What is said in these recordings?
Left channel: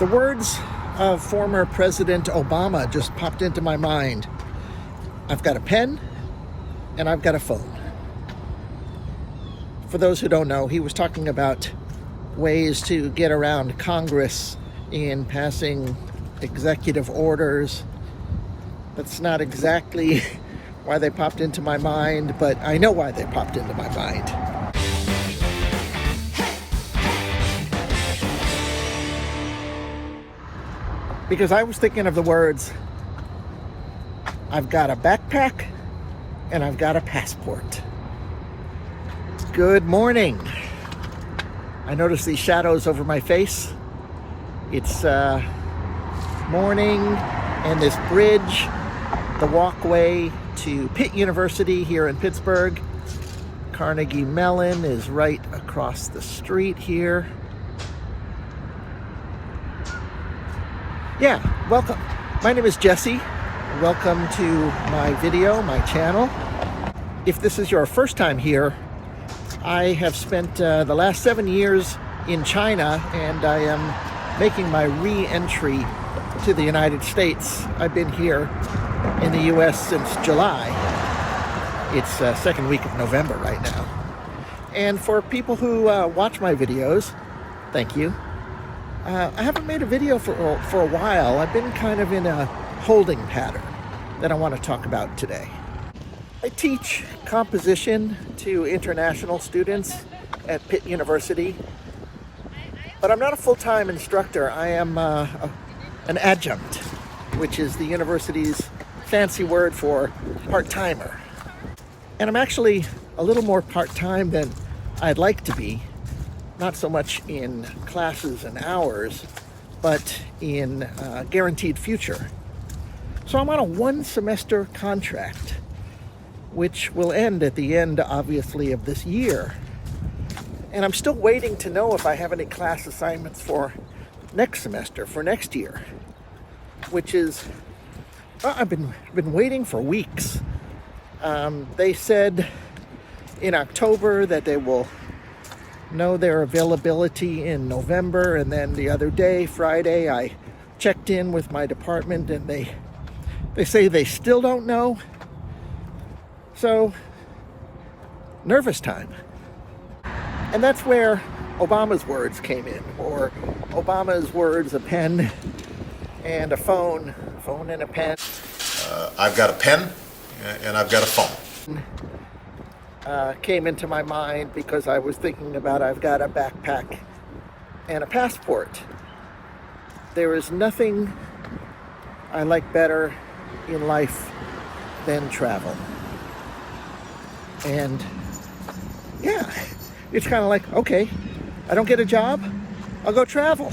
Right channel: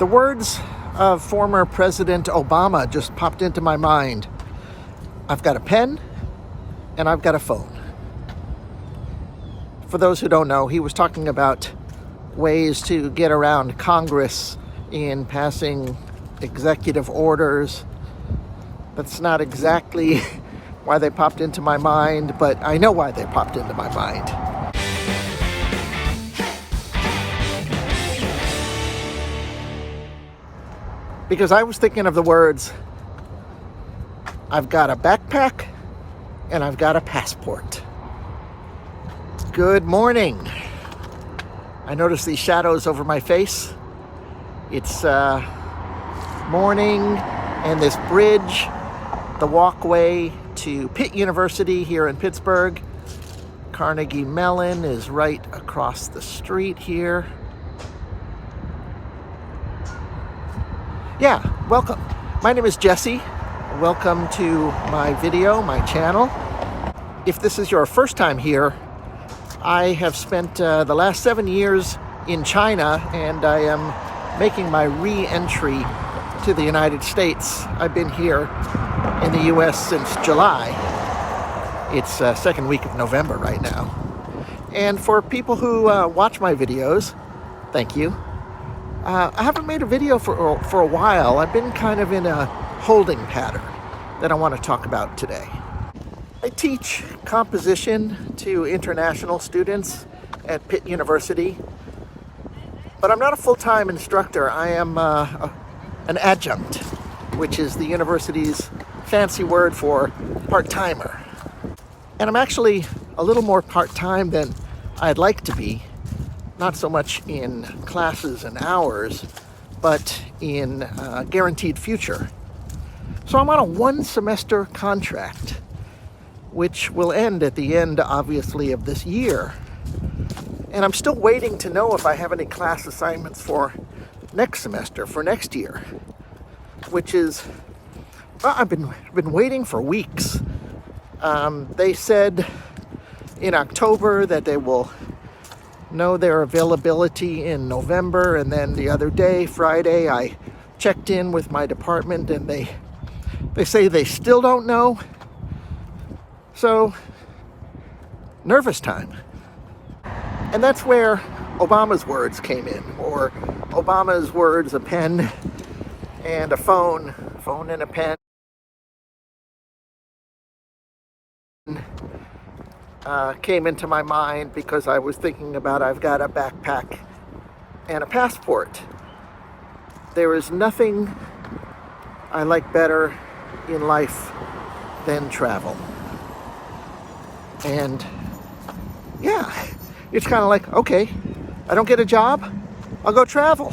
The words of former President Obama just popped into my mind. I've got a pen and I've got a phone. For those who don't know, he was talking about ways to get around Congress in passing executive orders. That's not exactly why they popped into my mind, but I know why they popped into my mind. Because I was thinking of the words, I've got a backpack and I've got a passport. Good morning. I notice these shadows over my face. It's morning, and this bridge, the walkway to Pitt University here in Pittsburgh. Carnegie Mellon is right across the street here. Yeah, welcome. My name is Jesse. Welcome to my video, my channel. If this is your first time here, I have spent the last 7 years in China, and I am making my re-entry to the United States. I've been here in the US since July. It's second week of November right now. And for people who watch my videos, thank you. I haven't made a video for a while. I've been kind of in a holding pattern that I want to talk about today. I teach composition to international students at Pitt University, but I'm not a full-time instructor. I am an adjunct, which is the university's fancy word for part-timer. And I'm actually a little more part-time than I'd like to be. Not so much in classes and hours, but in guaranteed future. So I'm on a 1-semester contract, which will end at the end, obviously, of this year. And I'm still waiting to know if I have any class assignments for next semester, for next year, which is, well, I've been waiting for weeks. They said in October that they will know their availability in November, and then the other day, Friday, I checked in with my department and they say they still don't know. So, nervous time. And that's where Obama's words came in, or Obama's words, a pen and a phone and a pen. I've got a pen and I've got a phone. Came into my mind because I was thinking about I've got a backpack and a passport. There is nothing I like better in life than travel. And yeah, it's kind of like, okay, I don't get a job, I'll go travel.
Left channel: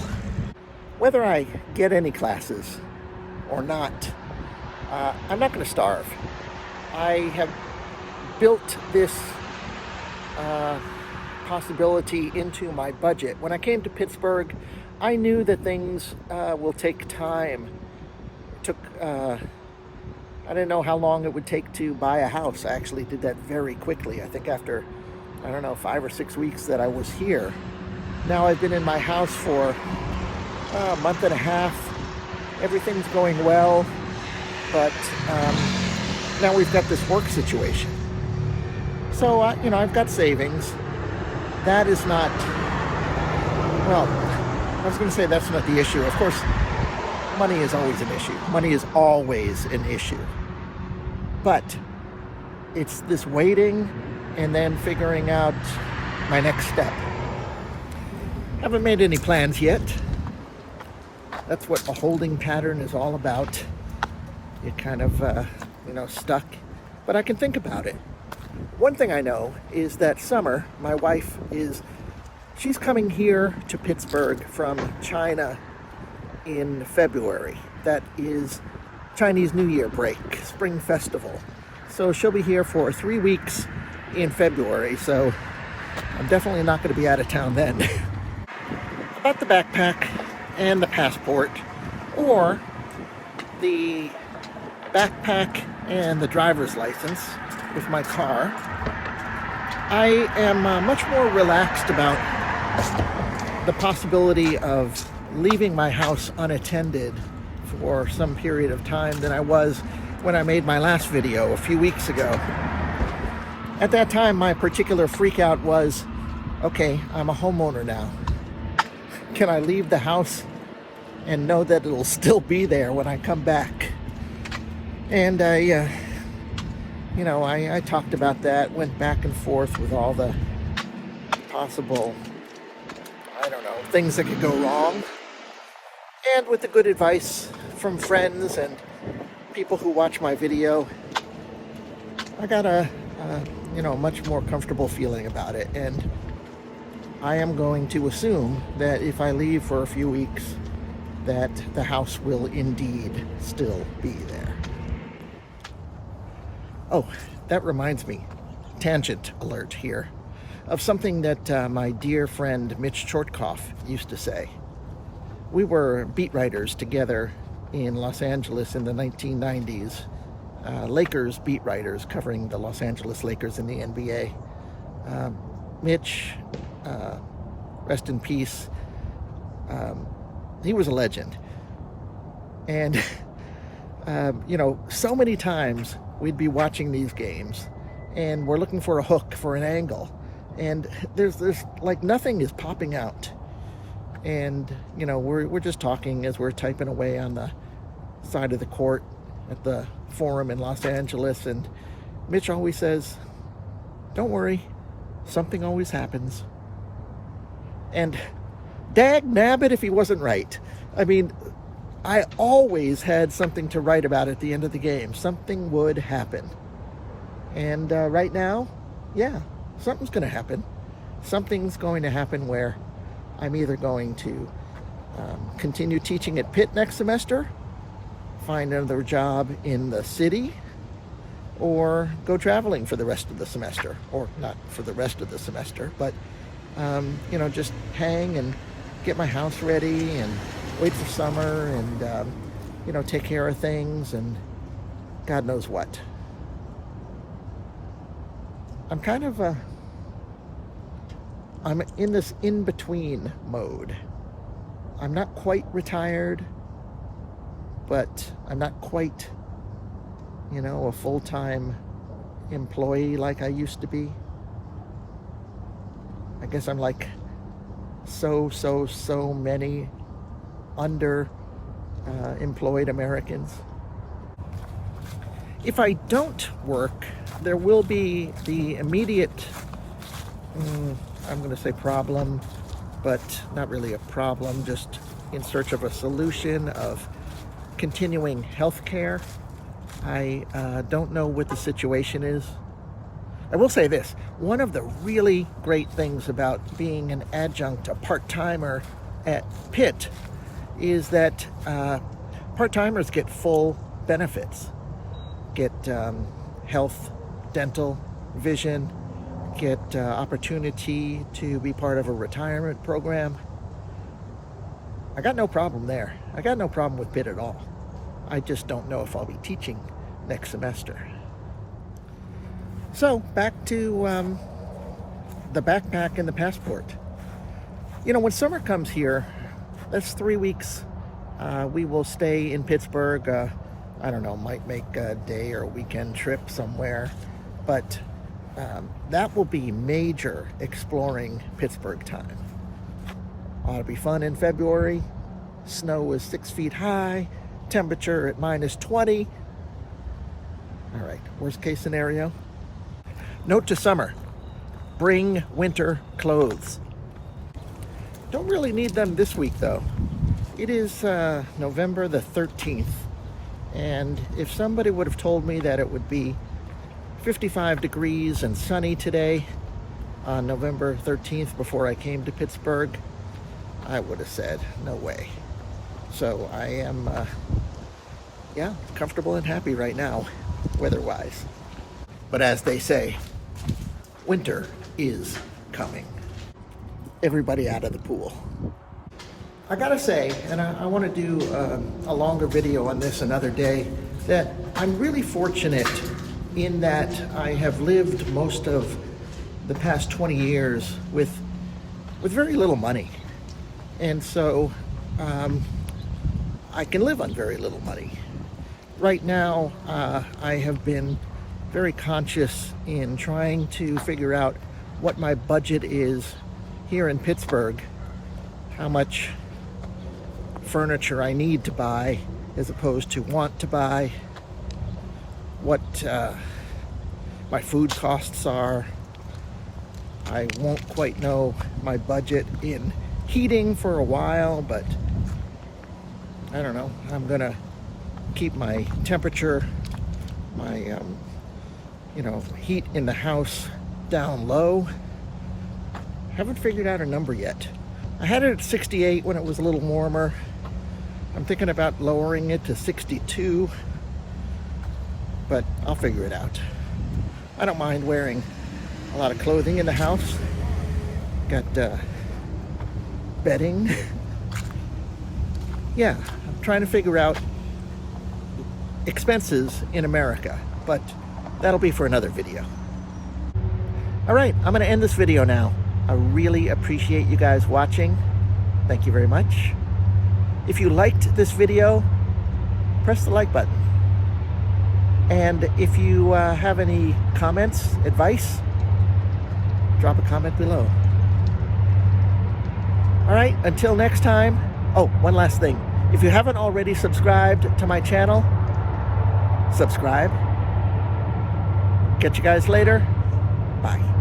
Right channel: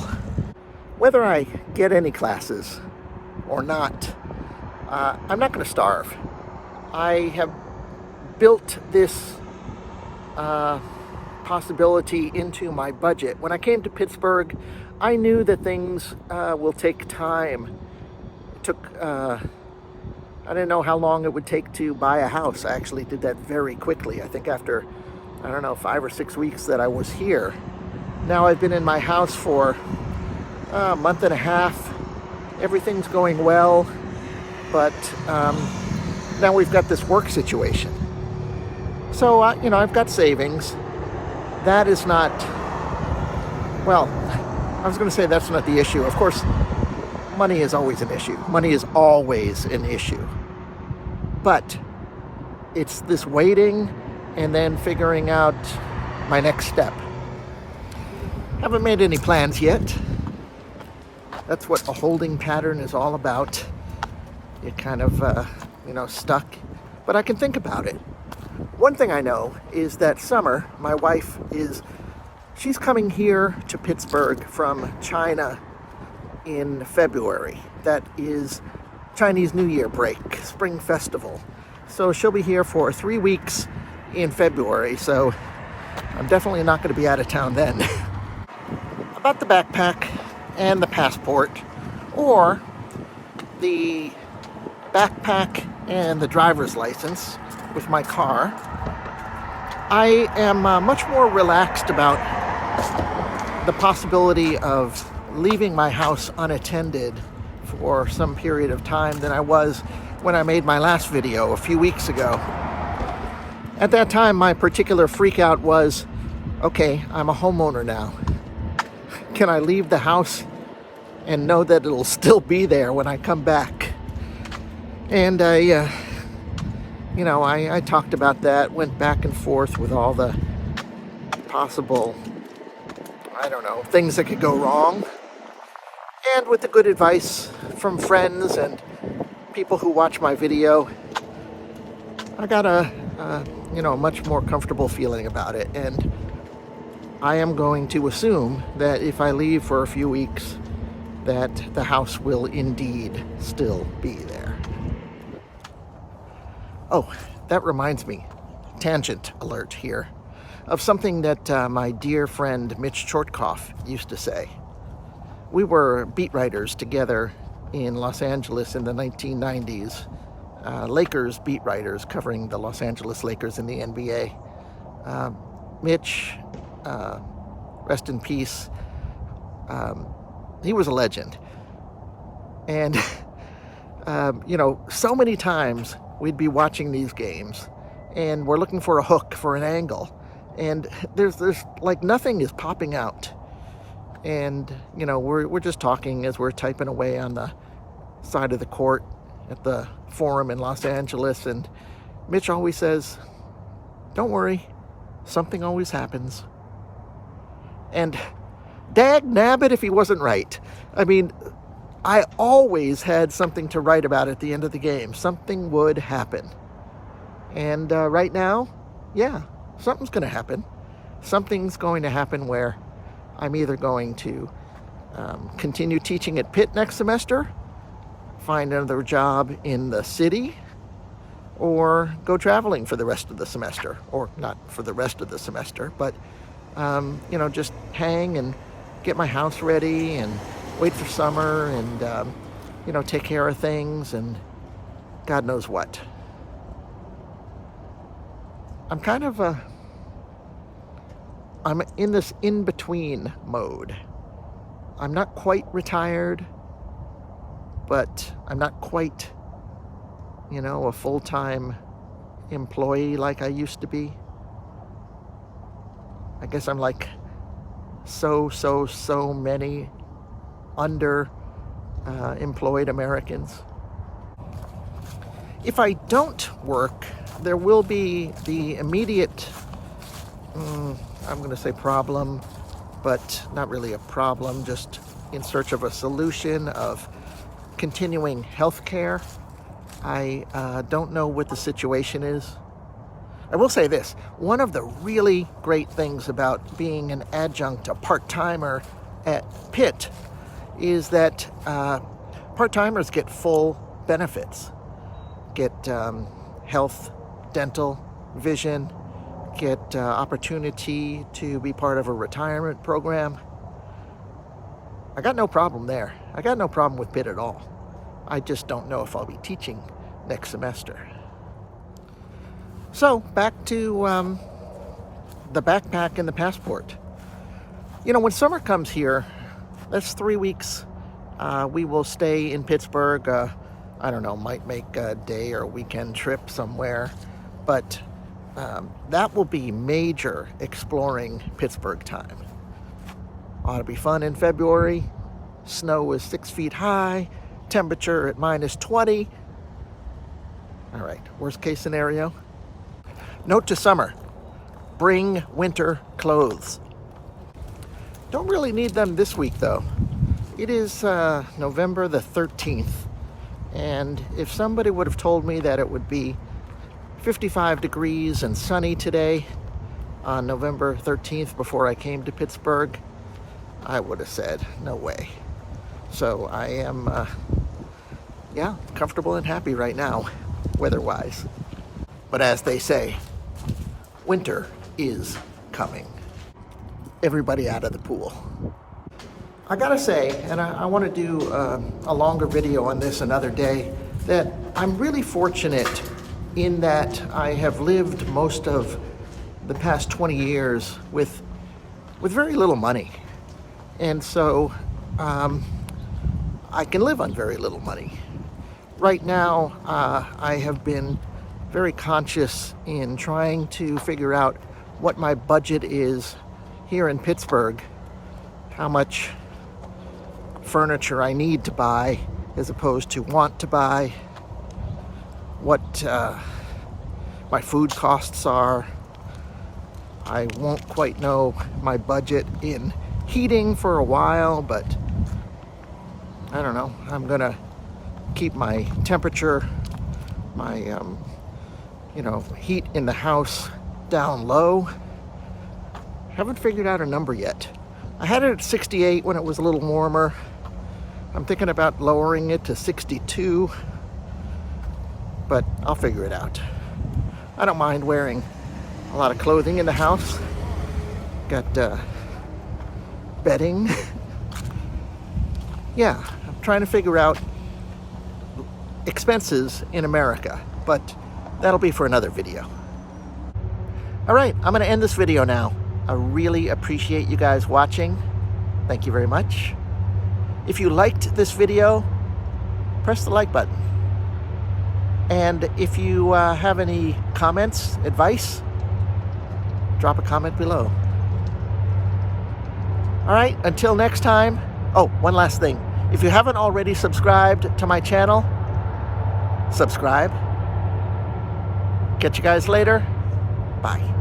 Whether I get any classes or not, I'm not going to starve. I have built this possibility into my budget. When I came to Pittsburgh, I knew that things will take time. It took, I didn't know how long it would take to buy a house. I actually did that very quickly. I think after, 5 or 6 weeks that I was here. Now I've been in my house for a month and a half. Everything's going well, but now we've got this work situation. So, I've got savings. That is not, well, I was going to say that's not the issue. Of course, money is always an issue. Money is always an issue. But it's this waiting and then figuring out my next step. Haven't made any plans yet. That's what a holding pattern is all about. You're kind of, stuck. But I can think about it. One thing I know is that Summer, my wife, she's coming here to Pittsburgh from China in February. That is Chinese New Year break, Spring Festival. So she'll be here for 3 weeks in February, so I'm definitely not going to be out of town then. About the backpack and the passport, or the backpack and the driver's license with my car, I am much more relaxed about the possibility of leaving my house unattended for some period of time than I was when I made my last video a few weeks ago. At that time, my particular freak out was, okay, I'm a homeowner now. Can I leave the house and know that it'll still be there when I come back? And I talked about that, went back and forth with all the possible, things that could go wrong. And with the good advice from friends and people who watch my video, I got a much more comfortable feeling about it. And I am going to assume that if I leave for a few weeks, that the house will indeed still be there. Oh, that reminds me, tangent alert here, of something that my dear friend Mitch Chortkoff used to say. We were beat writers together in Los Angeles in the 1990s, Lakers beat writers covering the Los Angeles Lakers in the NBA. Mitch, rest in peace, he was a legend. And, so many times we'd be watching these games and we're looking for a hook, for an angle, and there's like nothing is popping out. And, we're just talking as we're typing away on the side of the court at the Forum in Los Angeles, and Mitch always says, don't worry, something always happens. And dag nabbit if he wasn't right. I mean, I always had something to write about at the end of the game. Something would happen. And right now, yeah, something's going to happen. Something's going to happen where I'm either going to continue teaching at Pitt next semester, find another job in the city, or go traveling for the rest of the semester. Or not for the rest of the semester, but, just hang and get my house ready and wait for summer and, take care of things and God knows what. I'm in this in-between mode. I'm not quite retired, but I'm not quite, a full-time employee like I used to be. I guess I'm like so many employed Americans. If I don't work, there will be the immediate, I'm going to say problem, but not really a problem, just in search of a solution of continuing health care. I don't know what the situation is. I will say this, one of the really great things about being an adjunct, a part-timer at Pitt, is that part-timers get full benefits. Get health, dental, vision, get opportunity to be part of a retirement program. I got no problem there. I got no problem with Pitt at all. I just don't know if I'll be teaching next semester. So back to the backpack and the passport. When summer comes here, that's 3 weeks. We will stay in Pittsburgh. Might make a day or a weekend trip somewhere. But that will be major exploring Pittsburgh time. Ought to be fun in February. Snow is 6 feet high. Temperature at -20. All right, worst case scenario. Note to summer, bring winter clothes. Don't really need them this week though. It is November the 13th. And if somebody would have told me that it would be 55 degrees and sunny today on November 13th before I came to Pittsburgh, I would have said, no way. So I am, comfortable and happy right now, weather-wise. But as they say, winter is coming. Everybody out of the pool. I gotta say, and I want to do a longer video on this another day, that I'm really fortunate in that I have lived most of the past 20 years with very little money. And so I can live on very little money. Right now, I have been very conscious in trying to figure out what my budget is here in Pittsburgh, how much furniture I need to buy as opposed to want to buy, what my food costs are. I won't quite know my budget in heating for a while, but I don't know. I'm gonna keep my temperature, my heat in the house down low. Haven't figured out a number yet. I had it at 68 when it was a little warmer. I'm thinking about lowering it to 62, but I'll figure it out. I don't mind wearing a lot of clothing in the house. Got bedding. Yeah, I'm trying to figure out expenses in America, but that'll be for another video. All right, I'm gonna end this video now. I really appreciate you guys watching. Thank you very much. If you liked this video, press the like button. And if you have any comments, advice, drop a comment below. All right, until next time. Oh, one last thing. If you haven't already subscribed to my channel, subscribe. Catch you guys later. Bye.